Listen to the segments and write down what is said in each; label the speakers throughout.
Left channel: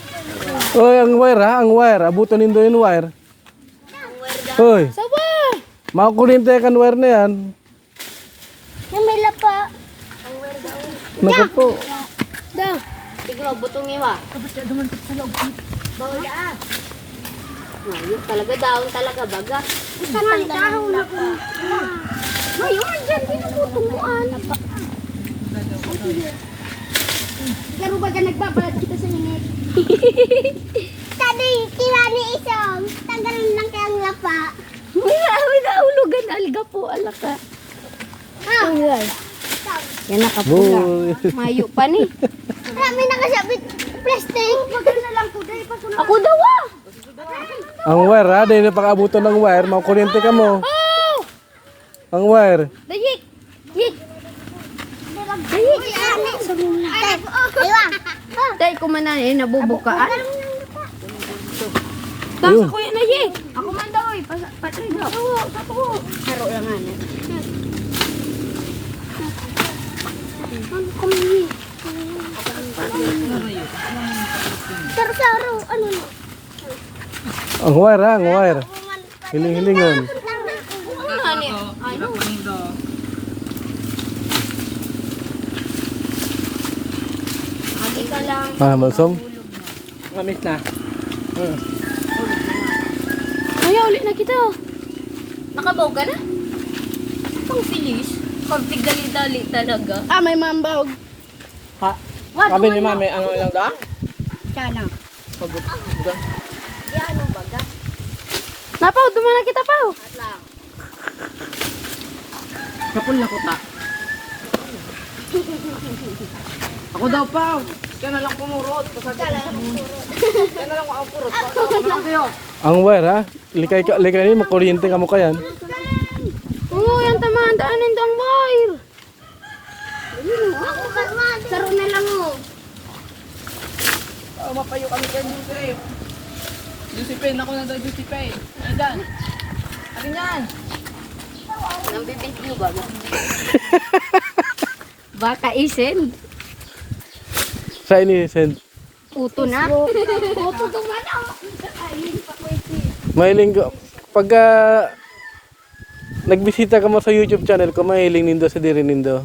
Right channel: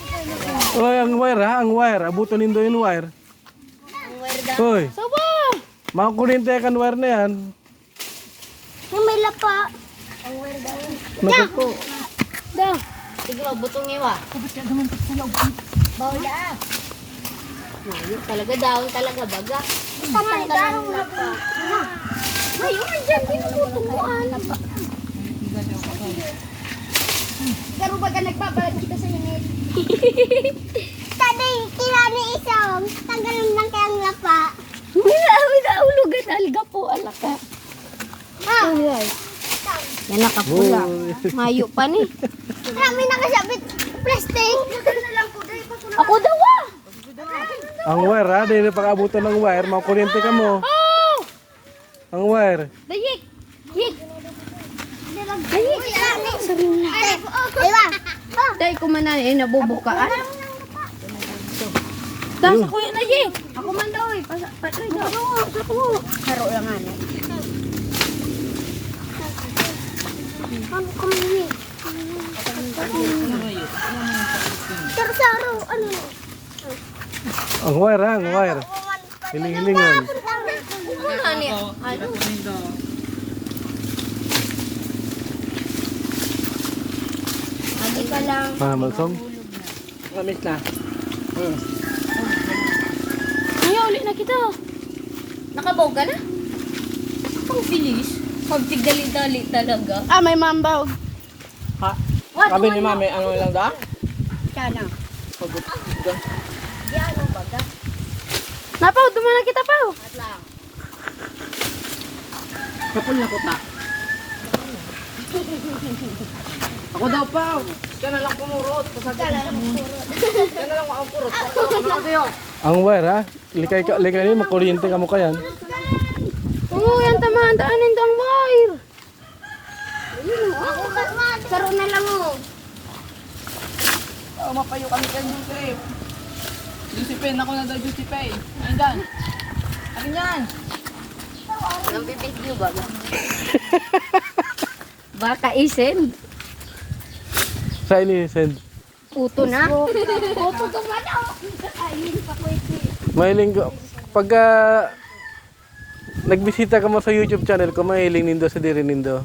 Speaker 1: Oy, ang wire ha, ang wire. Abutan nindo yung wire. Hoy.
Speaker 2: Sawa!
Speaker 1: Makakuryente kan wire na yan.
Speaker 3: Yung may lapa.
Speaker 1: Naku po.
Speaker 2: Daw.
Speaker 4: Siguro, butong iwa.
Speaker 2: Tapos ka dumantok sa loob.
Speaker 4: Bawal ah. Ngayon talaga, daon talaga, baga.
Speaker 3: Tatanggal ang lapa. Ngayon, dyan, pinutumuan. Pero baga nagbabalad kita sa init. Tadi, kirani isang. Tanggalin lang kayang lapa.
Speaker 2: May naulugan alga po, alaka.
Speaker 3: Ah,
Speaker 2: Yan nakapula.
Speaker 1: Uy.
Speaker 2: Mayo pa ni.
Speaker 3: marami nakasabit plastic. Maganda na lang po.
Speaker 2: Ako daw ah!
Speaker 1: Ang wire ha, dahil napakabutan ng wire, makakuryente ka mo.
Speaker 2: Oh!
Speaker 1: Ang wire.
Speaker 2: Dayik! Yik!
Speaker 3: Kirani. Diba?
Speaker 2: Tay ko man na nabubukaan. Tasa ko yan na yik! Ako man daw eh. Patry daw. Sa ko. Haro lang nga na.
Speaker 3: Ano kami? Saro-saro. Ano?
Speaker 1: Ang wire ha, ang wire. Hiling-hilingon.
Speaker 2: Ano? Agi ka lang.
Speaker 1: Malsom.
Speaker 5: Kamit na.
Speaker 2: Ayaw ulit na kita. Nakabaw ka na? Ang bilis. Pagtigdali-dali talaga. Ah, may mambawag.
Speaker 5: Ha?
Speaker 2: What?
Speaker 5: Sabi ni mami, ang ilang daan?
Speaker 2: Sana.
Speaker 5: Pagod.
Speaker 4: Yan ang baga.
Speaker 2: Napaw, dumana kita pa.
Speaker 5: Kapon na ko ta. Ako daw pa. Kaya na lang pumurot. Kaya na lang makapurot. Ano kayo?
Speaker 1: Ang wire ha, likay ni makuryente ka mo kayan.
Speaker 2: Oo, yan tamaan. Daanin doon, wire.
Speaker 3: Laro na lang oh.
Speaker 5: Oh, mapayo kami kayo dito eh. Disipin ako na daw, disipin. Ayan. Akin yan.
Speaker 4: Nang bibintyo baga.
Speaker 2: Baka isen.
Speaker 1: Sa ini, send.
Speaker 2: Puto na.
Speaker 1: Mahiling ko. Pag nagbisita ka mo sa YouTube channel ko, mahiling nindo sa diri nindo.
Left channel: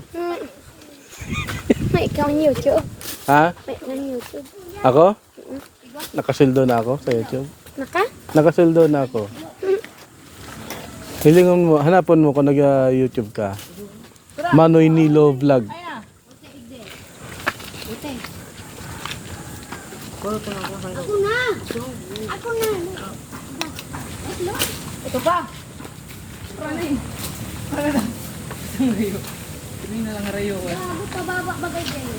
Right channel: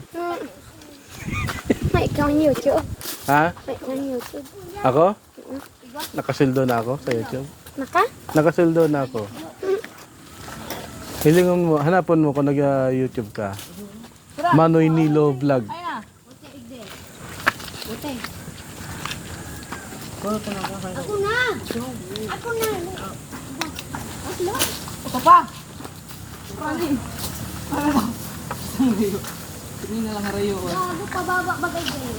Speaker 2: May kang YouTube.
Speaker 1: Ha?
Speaker 2: May kang YouTube.
Speaker 1: Ako? Nakasildo na ako sa YouTube.
Speaker 2: Naka?
Speaker 1: Nakasildo na ako. Hilingon mo, hanapon mo kung nag-YouTube ka. Manoy Nilo Vlog.
Speaker 3: Ako na. Ako na.
Speaker 5: Ito pa. Rani. Ano ba? Hindi na lang harayo.
Speaker 3: Bago pababa bagay dyan.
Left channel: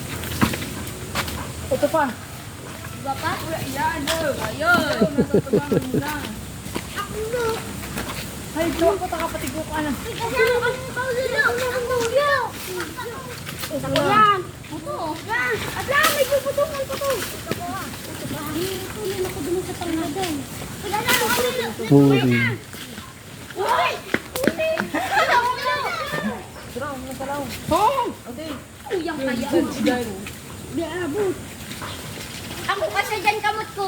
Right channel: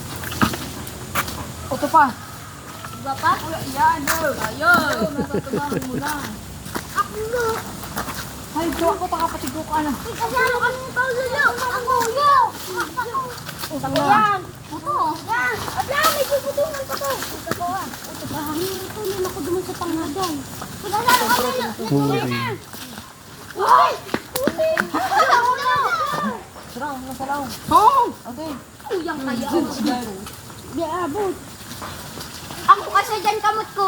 Speaker 5: Ito pa.
Speaker 3: Diba pa?
Speaker 5: Yan. Ayun. Nasatubahan mo na.
Speaker 3: Ako na.
Speaker 5: Ay, ito ako takapatigo ka na.
Speaker 3: Kasi ako kami paulo. Ako yo. Yan. Puto. Abla, may puputo. May puto. Ito ba? Ito na ako duman sa tangadan. Pinalalo kami.
Speaker 1: Puri.
Speaker 3: Uy! Uy!
Speaker 5: Sarang, nasalaw. Oo. Ate.
Speaker 3: Uyang kaya.
Speaker 5: Diyan.
Speaker 3: Biabot. Ako kasi dyan kamot ko.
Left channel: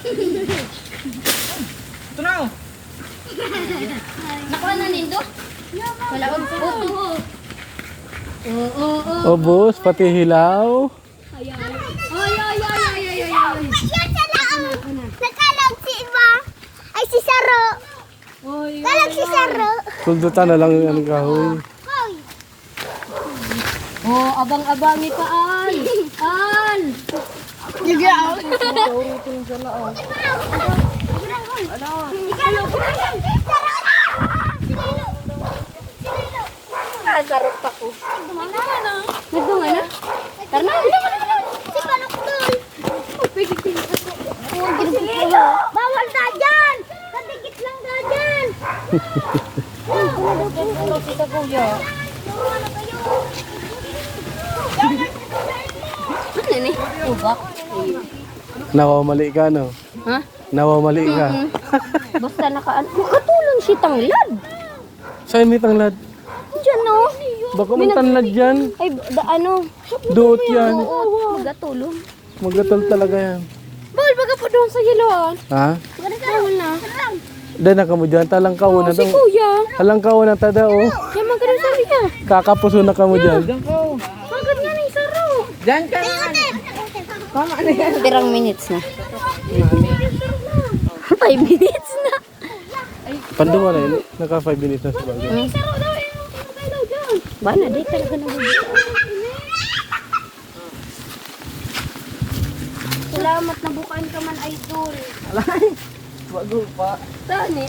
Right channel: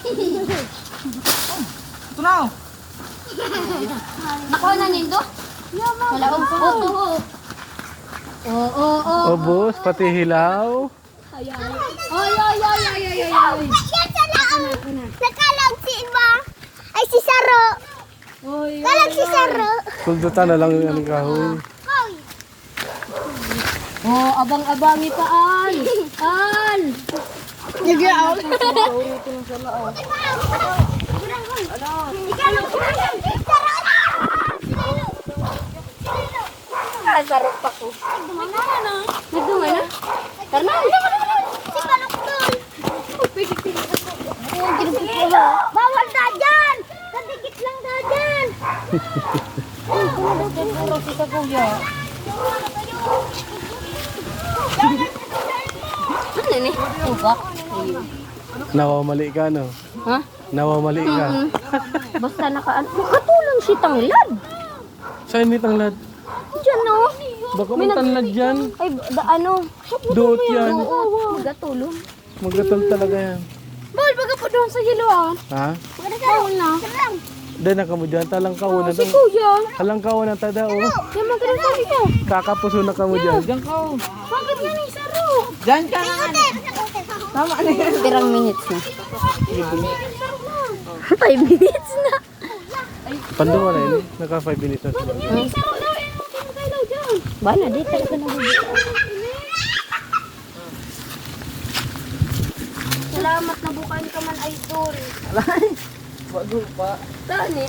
Speaker 5: Ito na.
Speaker 3: Nakuha na nindo? Wala ang puto. Oo.
Speaker 1: Obos, pati hilaw.
Speaker 3: Ay. Yan sa lao. Nakalang si Iba. Ay si Saro. Kalang si Saro.
Speaker 1: Suldutan na lang yung kahoy.
Speaker 3: Hoy.
Speaker 2: Oh, abang-abangi pa an. An.
Speaker 3: Nagya ako.
Speaker 2: Ah, sarap pa ko. Nagdunga na? Karna?
Speaker 3: Si Balokdol. Bawal na dyan. Kadikit lang na dyan.
Speaker 2: Puro kita kuya. Ano ni? Ugak.
Speaker 1: Nawamali ka, no?
Speaker 2: Ha?
Speaker 1: Nawamali ka.
Speaker 2: Basta nakaan. Katulong si Tanglad.
Speaker 1: Saan may tanglad?
Speaker 2: Diyan no.
Speaker 1: Baka may tanglad dyan.
Speaker 2: Ay, ano?
Speaker 1: Duot yan.
Speaker 2: Oo, magatulong.
Speaker 1: Magatal talaga yan.
Speaker 2: talaga po doon sa yelo ah.
Speaker 1: Ha?
Speaker 2: Bawal na.
Speaker 1: Dahil na ka mo dyan. Talang kaunan.
Speaker 2: Si kuya.
Speaker 1: Talang kaunan tada oh.
Speaker 2: Yaman ka na sabi niya.
Speaker 1: Kakapuso na ka mo dyan.
Speaker 5: Diyan ka oh.
Speaker 2: Bakit nga ni Saro?
Speaker 5: Diyan ka na nga. Tama na yan.
Speaker 4: Tirang minutes na.
Speaker 2: 5 minutes na.
Speaker 1: Pando mo na yun. Naka 5 minutes na sila.
Speaker 4: Bana, di talaga nabubuto.
Speaker 2: Salamat na bukain ka man, idol.
Speaker 5: Bago pa.
Speaker 2: Tani.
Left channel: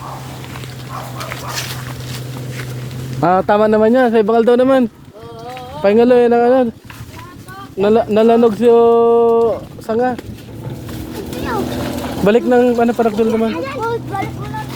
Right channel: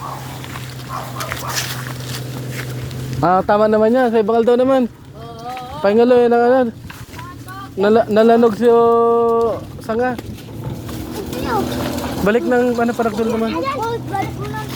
Speaker 1: Tama naman yan. Sa ibakal daw naman. Pahingalo yun ang ano. Nalanog siyo sanga. Balik ng ano production naman.
Speaker 3: Balik mo na